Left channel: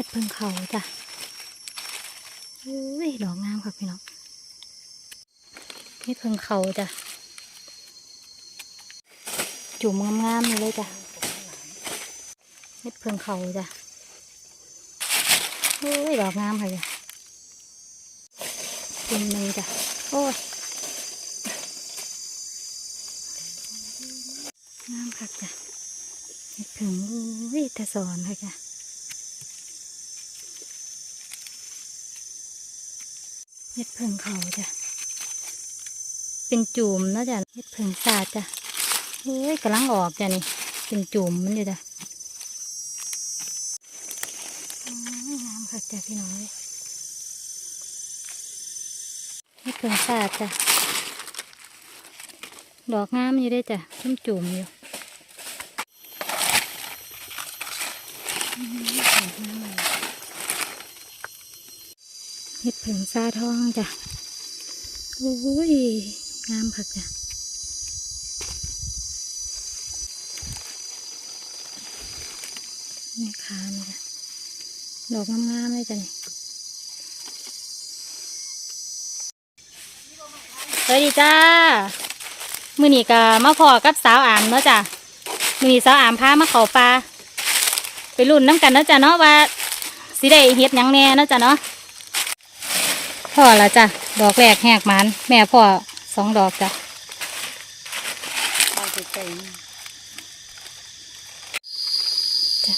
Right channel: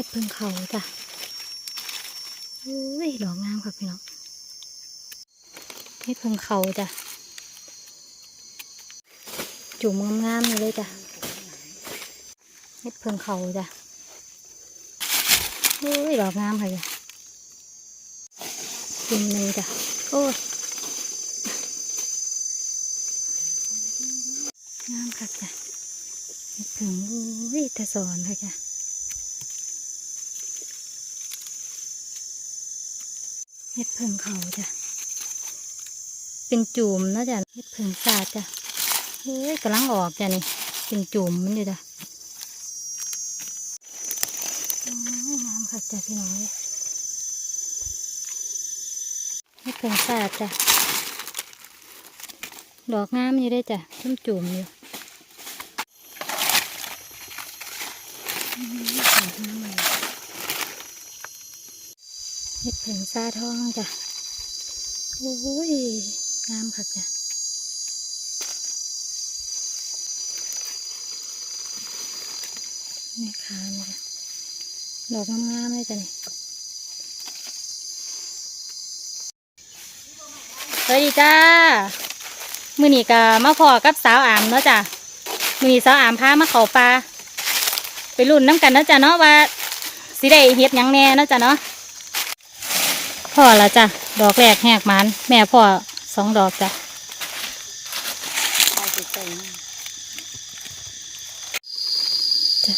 เฮ็ดพิ่งเขาจ้ะอุ้ยดอกงามค่ะพี่น้องเฮ็ดเพิ่งเขาจ้ะ จุ่มงามๆนี่เลยจ้ะเฮ็ดพิ่งเขาจ้ะอุ้ยดอกงามค่ะจ้ะจุ่มหนึ่งจ้ะ โอ้ยงามค่ะจ้ะเฮ็ดพิ่งอุ้ยแต่สอนค่ะจ้ะ เห็ดเพิงเขาจ้ะ เป็นจุ่มนะจ้ะเห็ดเพิงสาดจ้ะเฮ้ยกำลังออกจ้ะนี่ เป็นจุ่มมันอยู่จ้ะงามค่ะจ้ะพี่น้องเห็ดเพิงสาดจ้ะ ดอกงามอยู่ได้จ้ะจุ่มจุ่มอยู่อืมดอกงามเลย เห็ดเผิงซาทองจ้ะโอ้ยงามค่ะจ้ะนี่ขานี่จ้ะดอกงามๆเลยจ้ะนี่สวัสดีจ้ามือนี้ก็มาพอกับสาวอามเนาะจ้ะมือนี้สาวอามพามาเขาปลาไปรุ่นน้ำกันเนาะจ้ะเนาะว่าสิได้เฮ็ดยังแน่เนาะจ้ะเนาะ พ่อละจ้ะ ดอกแรกแหกมันแม่พ่อสองดอกจ้ะเอาไปเต็มจ้ะ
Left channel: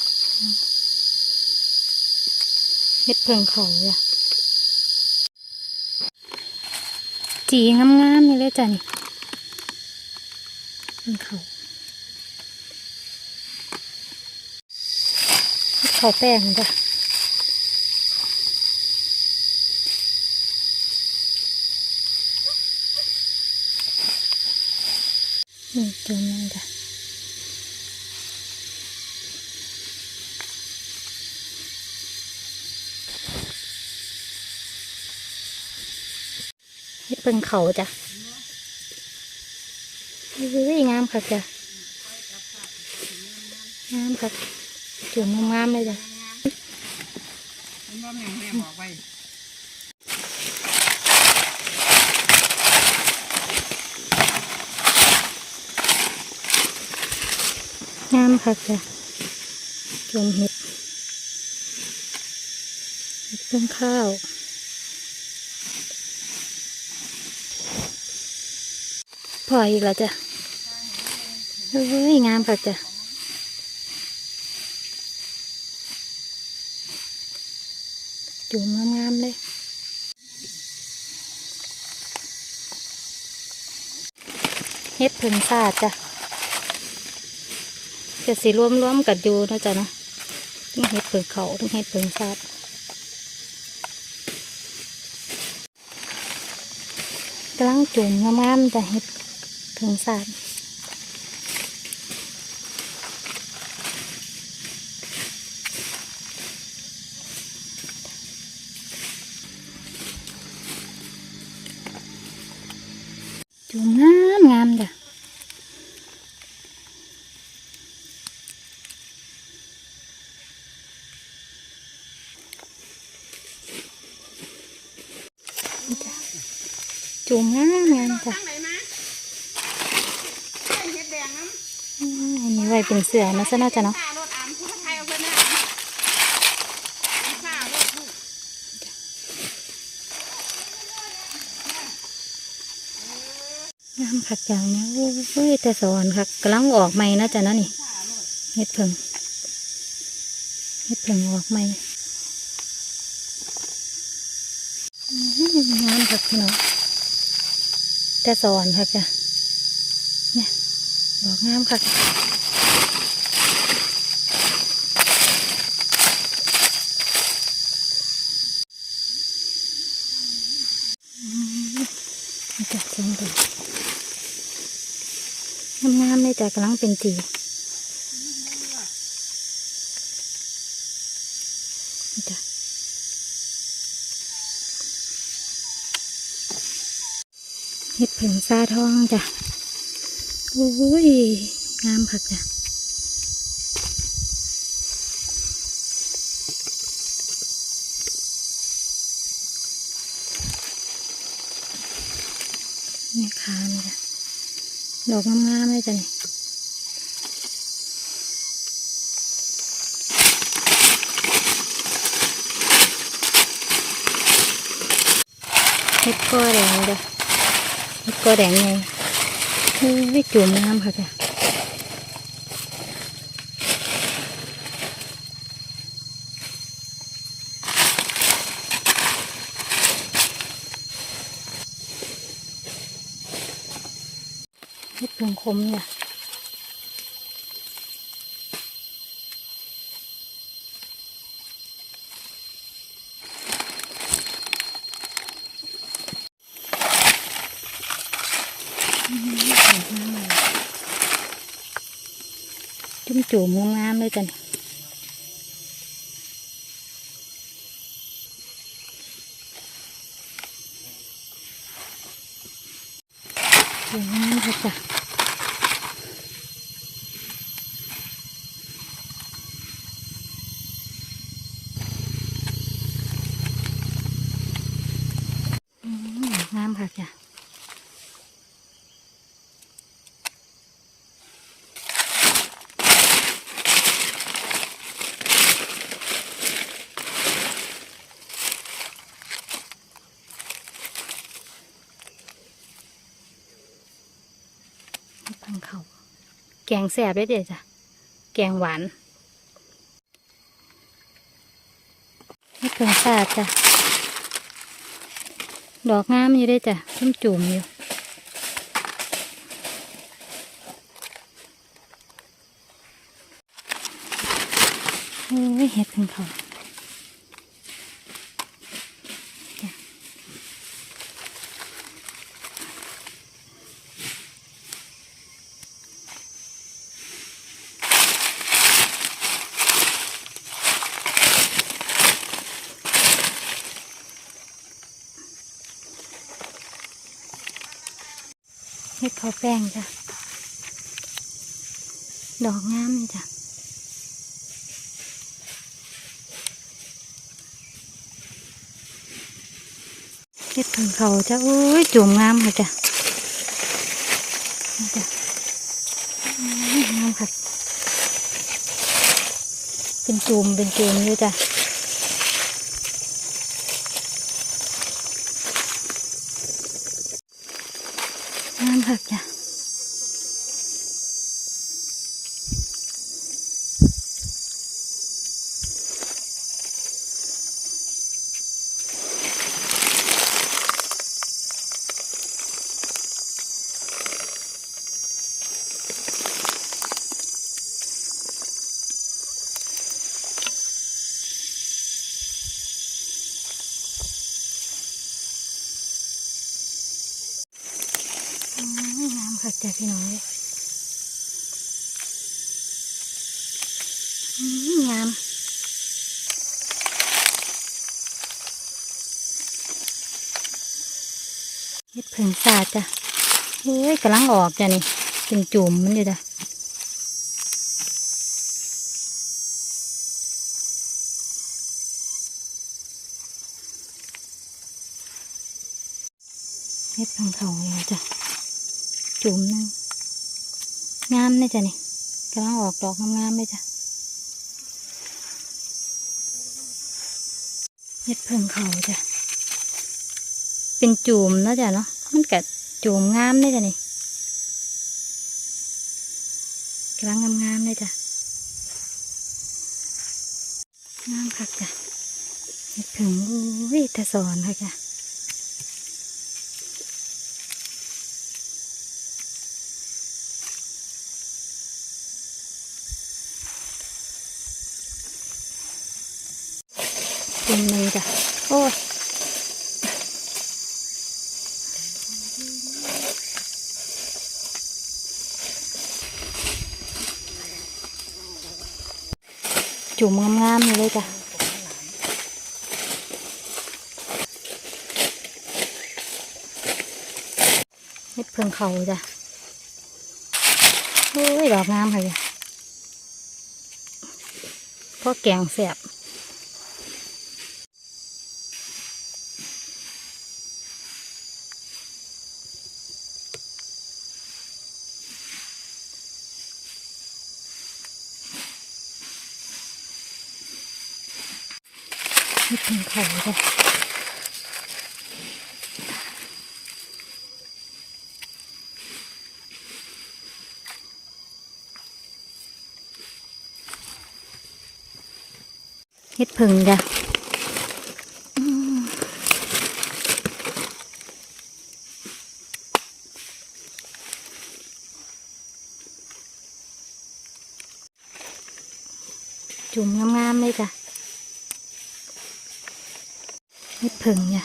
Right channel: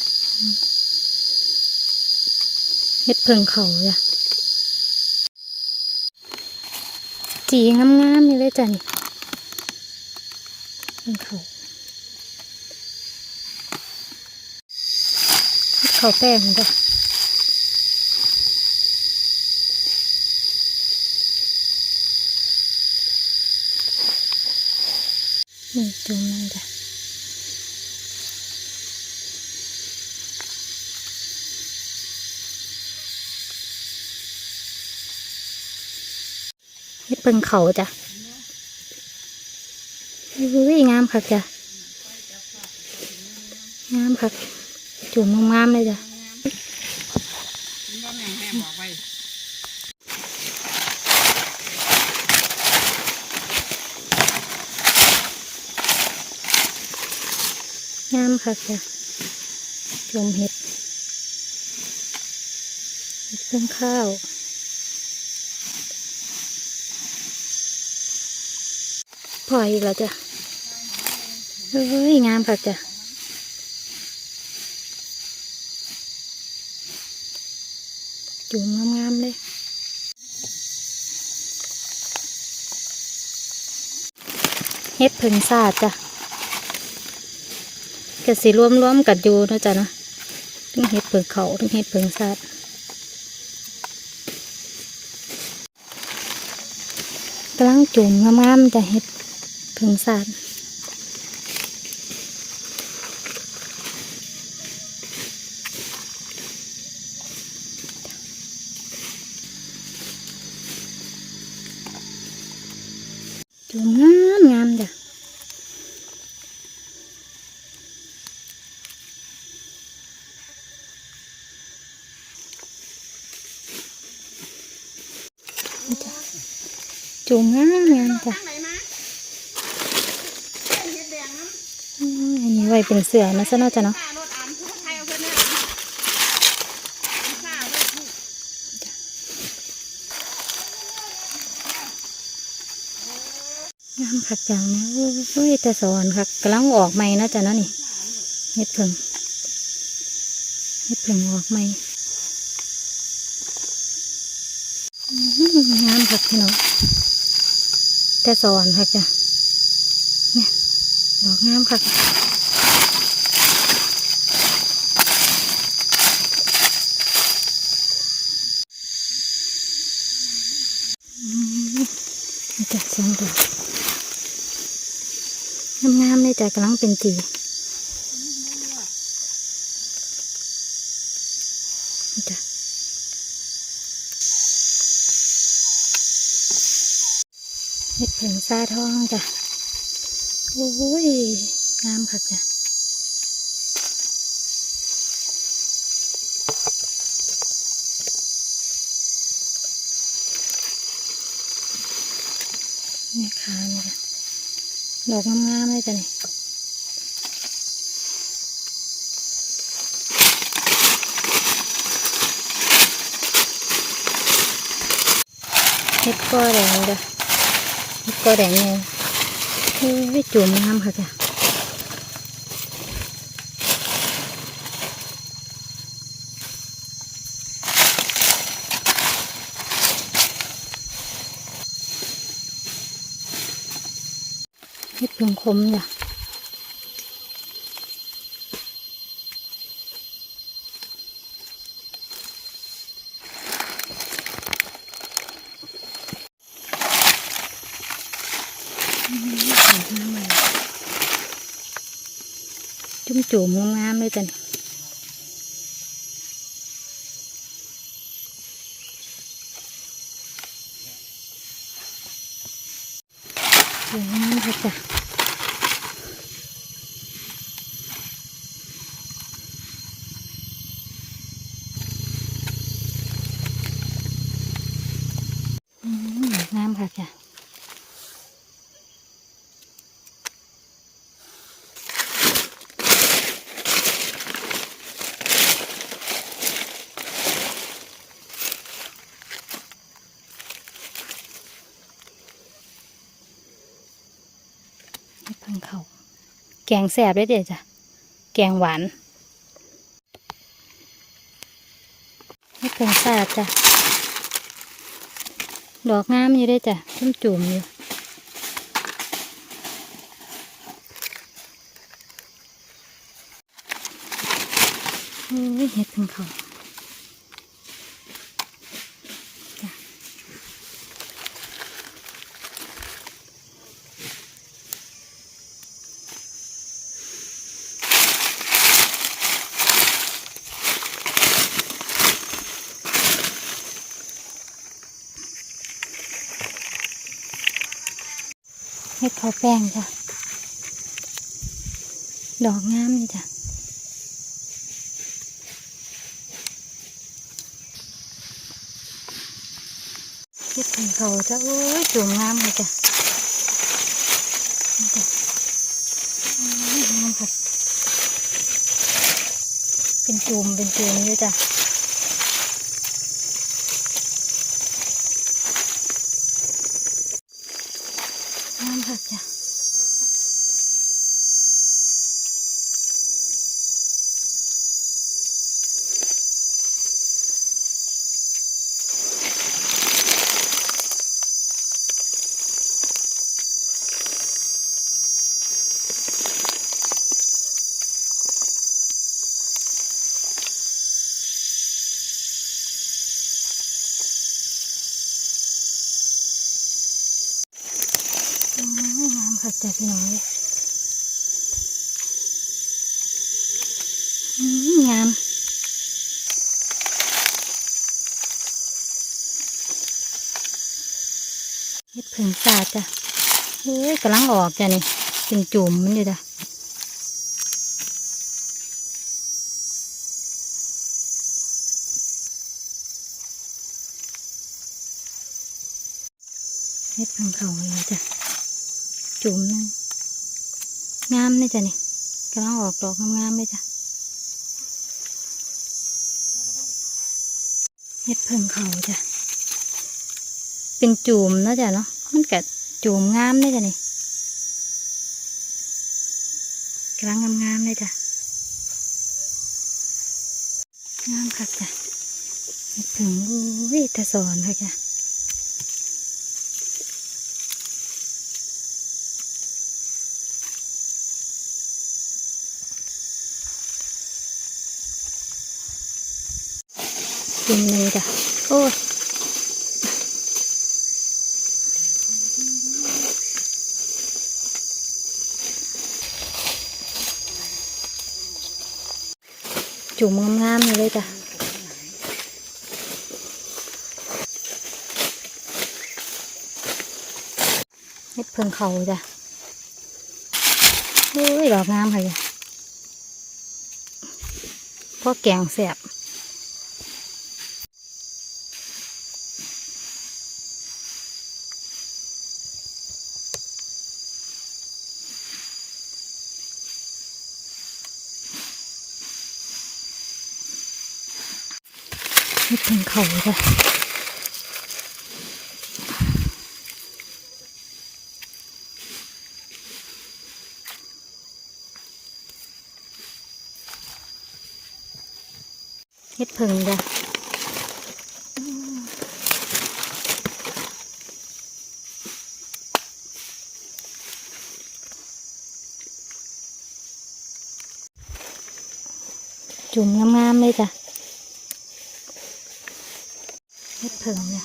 เฮ็ดเพิงเขาจ้ะจีงามๆนี่เลยจ้ะนี่เพิงเขาเขาแป้งจ้ะนี่จุ่มนั่นจ้ะ เพิ่งเขาจ้ะเฮ้ยงามค่ะจ้ะงามค่ะจุ่มงามเลยจ้ะงามค่ะจ้ะจุ่มเห็ดเห็ดเพิ่งข้าว พออีกแล้วจ้ะเฮ้ยงามค่ะจ้ะจุ่มงามๆเลยเฮ็ดเพิ่งซาดจ้ะก็สิรวมรวมๆกันอยู่นะจ๊ะนะทั้งเห็ดเผิงเขาทั้งเห็ดเผิงซาดกำลังจุ่มงามๆจะเห็ด เผิงซาดจุ่มงา ไว้เป็นเสือนะซะน่าจะเนาะข้ารถอ่านผู้ไทยเอาคนนี้ข้ารถผู้งามคักอย่างนี้ยโอ้ยแต่สอนคักกำลังออกใหม่นะจ๊ะนะนี่เฮ็ดเพิ่งเฮ็ดเพิ่งออกใหม่งามคักพี่น้องแต่สอนคักจ้ะนี่ดอกงามคัก จ้ะสองดอกงามๆเลยจ้ะกำลังเป็นจีจ้ะเห็ดเผิงซาทองจ้ะโอ้ยงามค่ะจ้ะ นี่ขานี่ยดอกงามๆเลยจ้ะนี่เฮ็ดก้อแดงจ้ะเฮ็ดก้อแดงไงเฮ้จุ่มน้ำค่ะจ้ะ เฮ็ดผงคมจ้ะอืมสวยงามเนี่ยจุ่มๆงามๆเลยจ้ะนี่สวยงามค่ะจ้ะ อืมงามค่ะจ้ะทางเขาแกงแสบได้เด็ดจ้ะ แกงหวานให้เพิ่งสาดจ้ะ ดอกงามอยู่ได้จ้ะจุ่มจุ่มอยู่เห็ดของเขา เห็ดเขาแป้งจ้ะ ดอกงามจ้ะเก็บถึงเขาจ้ะโอ้ยจุ่มงามเลยจ้ะงามค่ะเป็นจุ่มเป็นจุ่มเลยจ้ะงามค่ะจ้ะโอ้ยงามค่ะจ้ะ พี่น้องงามเฮ็ดเพิ่งสาดจ้ะเฮ้ยกำลังออกจ้ะนี่เป็นจุ่มมันอยู่จ้ะเฮ็ดเพิ่งเขาเลยจ้ะ จุ่มนึงงามเลยจ้ะนี่กำลังออกดอกงามๆเลยจ้ะเฮ็ดเพิ่งเขาจ้ะเป็นจุ่มนะจ้ะเนาะมันกัจุ่มงามเลยจ้ะนี่กำลังงามๆเลยจ้ะงามคักจ้ะเฮ็ดเพิ่งอุ้ยตะสอนค่ะจ้ะ จุ่มหนึ่งจ้ะ โอ้ยจุ่มงามๆเลยจ้ะเฮ็ดเพิ่งเขาจ้ะโอ้ย ดอกงามค่ะจ้ะพ่อแกงแสบ นี่ถึงเขาจ้ะเฮ็ดผึ่งจ้ะอืมจุ่มงามๆเลยจ้ะ เฮ็ดผึ่งจ้ะ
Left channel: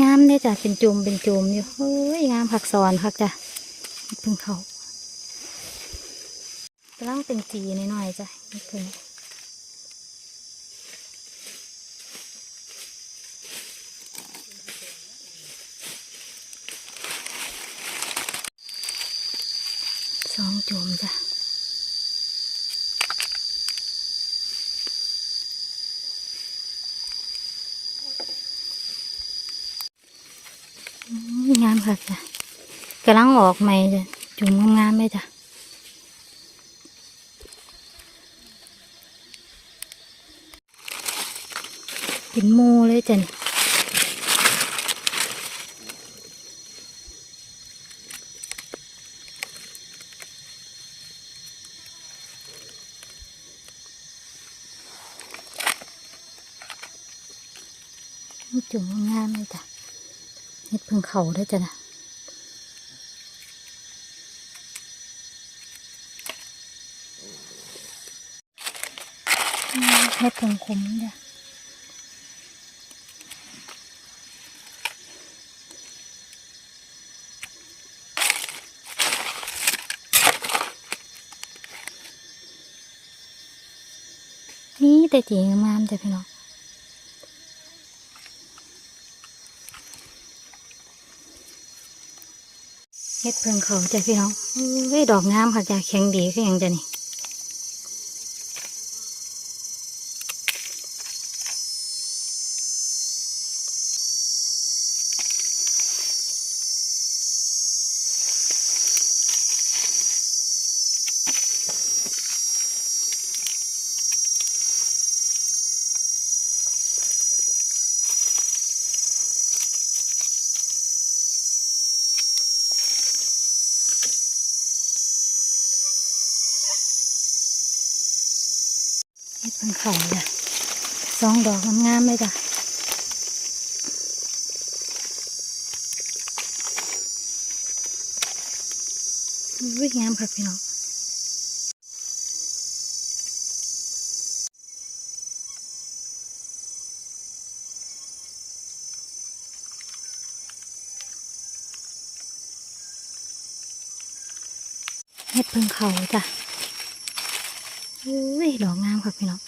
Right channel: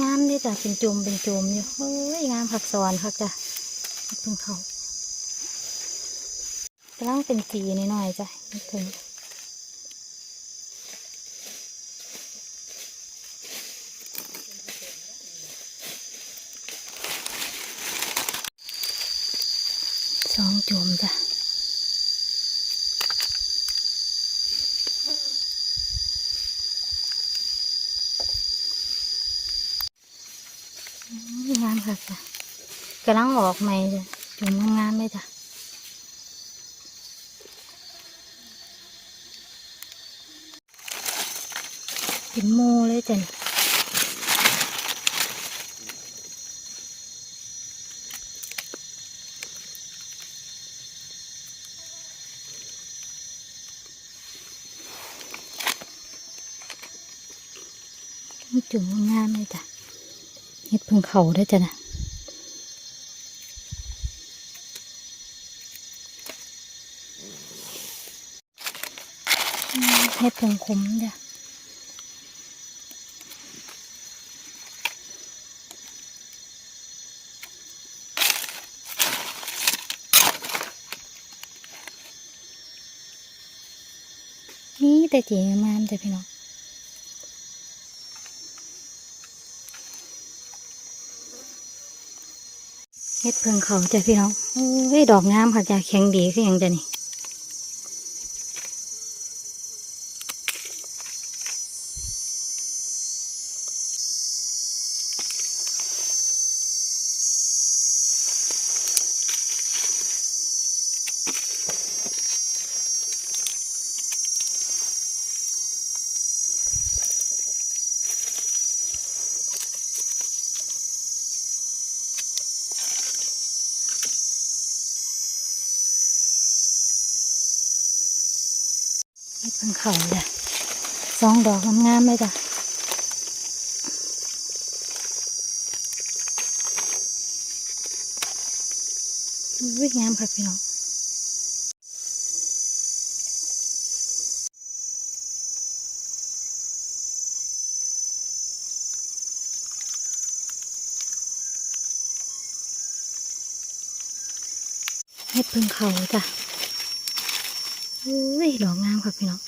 งามเลยจ้ะเป็นจุ่มเป็นจุ่มอยู่เฮ้ยงามผักสอนคักจ้ะเฮ็ดผึ่งเขากำลังเป็นจีหน่อยจ้ะเฮ็ดผึ่งสองจุ่มจ้ะอืมงาม ค่ะจ้ะกำลังออกใหม่จ้ะจุ่มงามๆเลยจ้ะเป็นหมูเลยจ้ะจุ่มงามๆเลยจ้ะ เฮ็ดพิ่งเขาได้จ้ะนะเฮ็ดพิ่งขมจ้ะนี่แต่จีงามจ้ะพี่น้อง เม็ดเพิ่งเขาจ้ะพี่น้องเอ้ยดอกงามค่ะจ้ะแข็งดีคือหยังจ้ะนี่ เฮ็ดพิ่งเขาจ้ะสองดอกงามๆเลยจ้ะอุ้ยงามค่ะพี่น้องเฮ็ดพิ่งเขาจ้ะ อุ้ยดอกงามค่ะพี่น้อง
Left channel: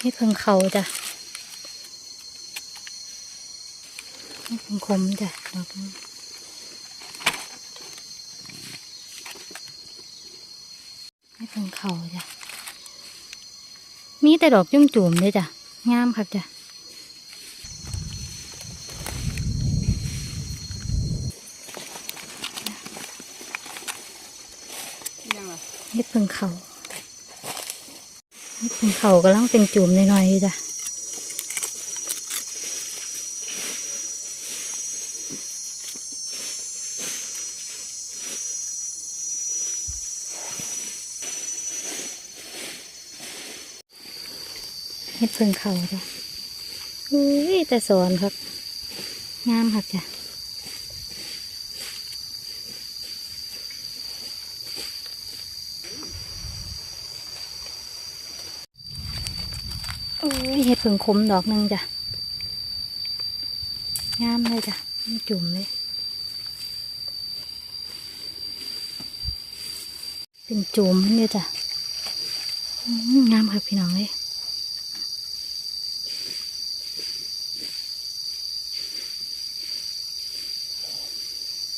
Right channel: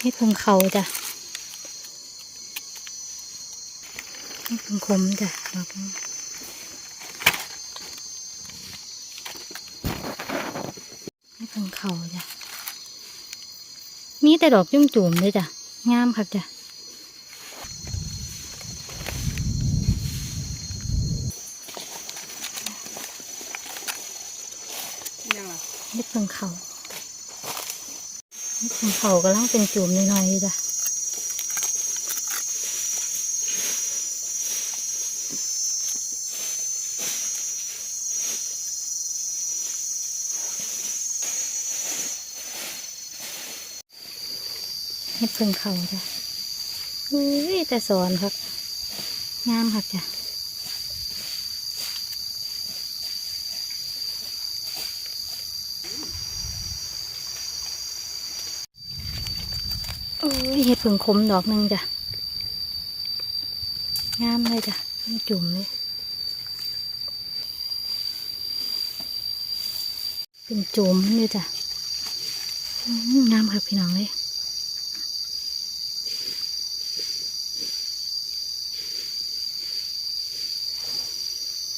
ให้เพิ่งเขาจ้ะให้เพิ่งคมจ้ะดอกนี้ให้เพิ่งเขาจ้ะมีแต่ดอกจุ่มจุ่มเลยจ้ะงามค่ะจ้ะ ยังวะ เฮ็ดเพิ่งเขาเฮ็เพิ่งเขากำลังเป็นจุ่มหน่อยๆอยู่จ้ะเฮ็ดเพิ่งเขาจ้ะอุ้ยแต่สอนครับงามครับจ้ะ โอ้ยเฮ็ดเพิ่งขมดอกหนึ่งจ้ะ งามเลยจ้ะมันจุ่มเลย เป็นจุ่มเลยจ้ะ งามครับพี่น้องเลย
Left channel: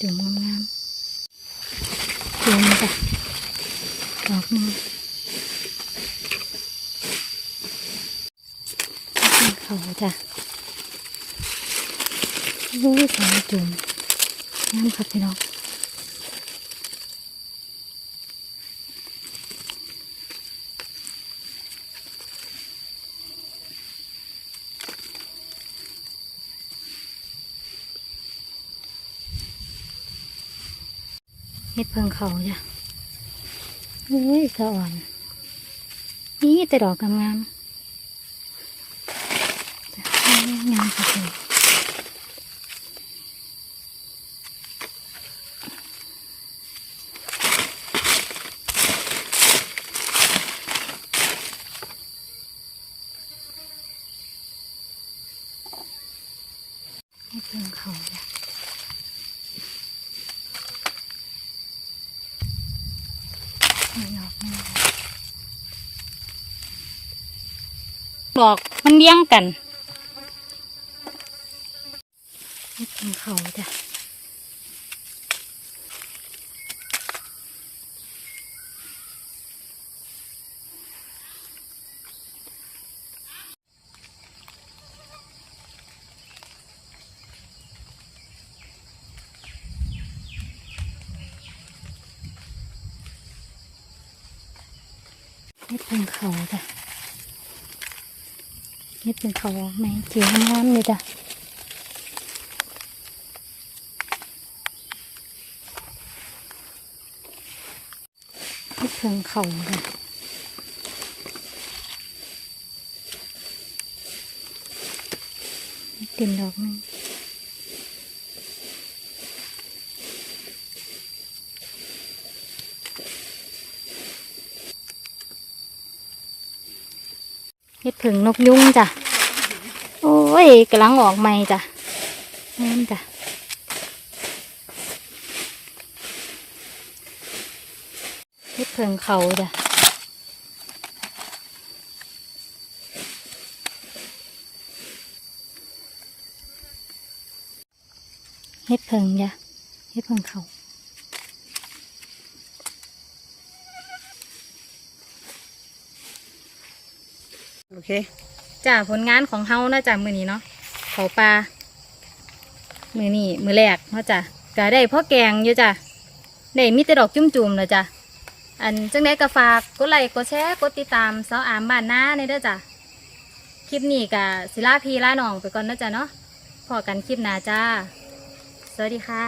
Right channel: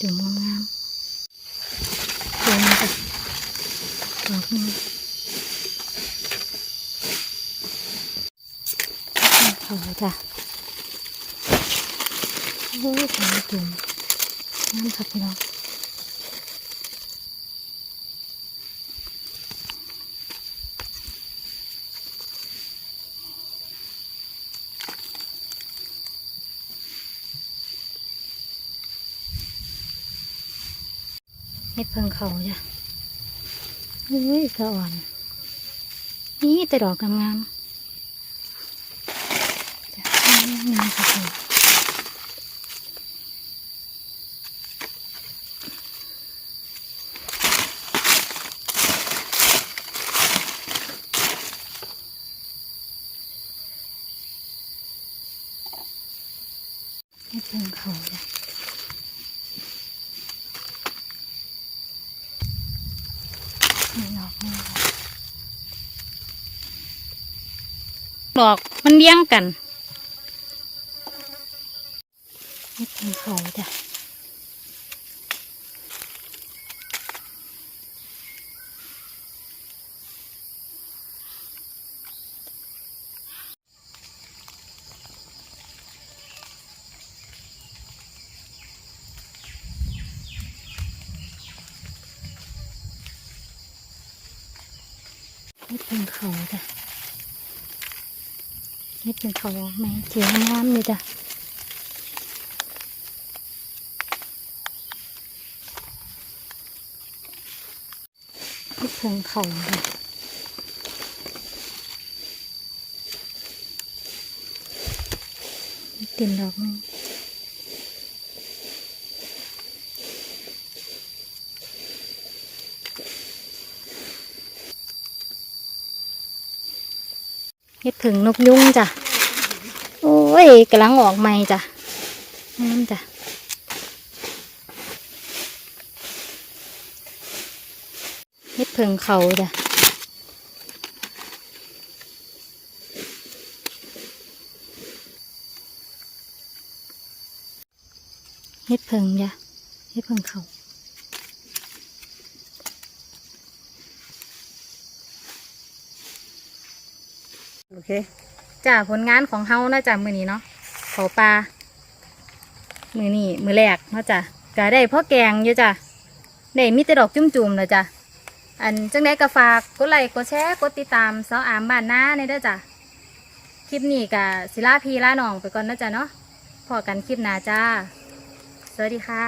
จุ่มงามๆจุ่มจ้ะดอกหนึ่ง เขาจ้ะโอ้ยสองจุ่มนั่นครับพี่น้องเห็ดเพิงเขาจ้ะโอ้ยสะอ่อน นี่แต่ดอกงามๆ ค่ะคุณเฮ็ดเพิงเขาจ้ะนี่ดอกนี่ดอกมันเลี้ยงกันเฮ็ดเพิงเขาจ้ะ นี่เป็นเขาจ้ะนี่เป็นเขามาเสียน้ำเลยจ้ะนี่เป็นเขาจ้ะเต็มดอกนึง ดเพิงนกยุงจ้ะ โอ้ยกำลังออกใหม่จ้ะงามจ้ะเฮ็ดเพิงเขาจ้ะเฮ็ดเพิงจ้ะเฮ็ดเพิงเขา อเคจ้ะผลงานของเฮานะจ้ะมือนี้เนาะเขาปลามือนี้มือแรกเนาะจ้ะก็ได้พ่อแกงอยู่จ้ะได้มีแต่ดอกจุ่มๆเลยจ้ะอันจังได้ก็ฝากกดไลค์กดแชร์กดติดตามสาวอามบ้านหน้าในเด้อจ้ะคลิปนี้กับศิลาพีลาหนองไปก่อนนะจ้ะเนาะพอกันคลิปหน้าจ้า สวัสดีค่ะ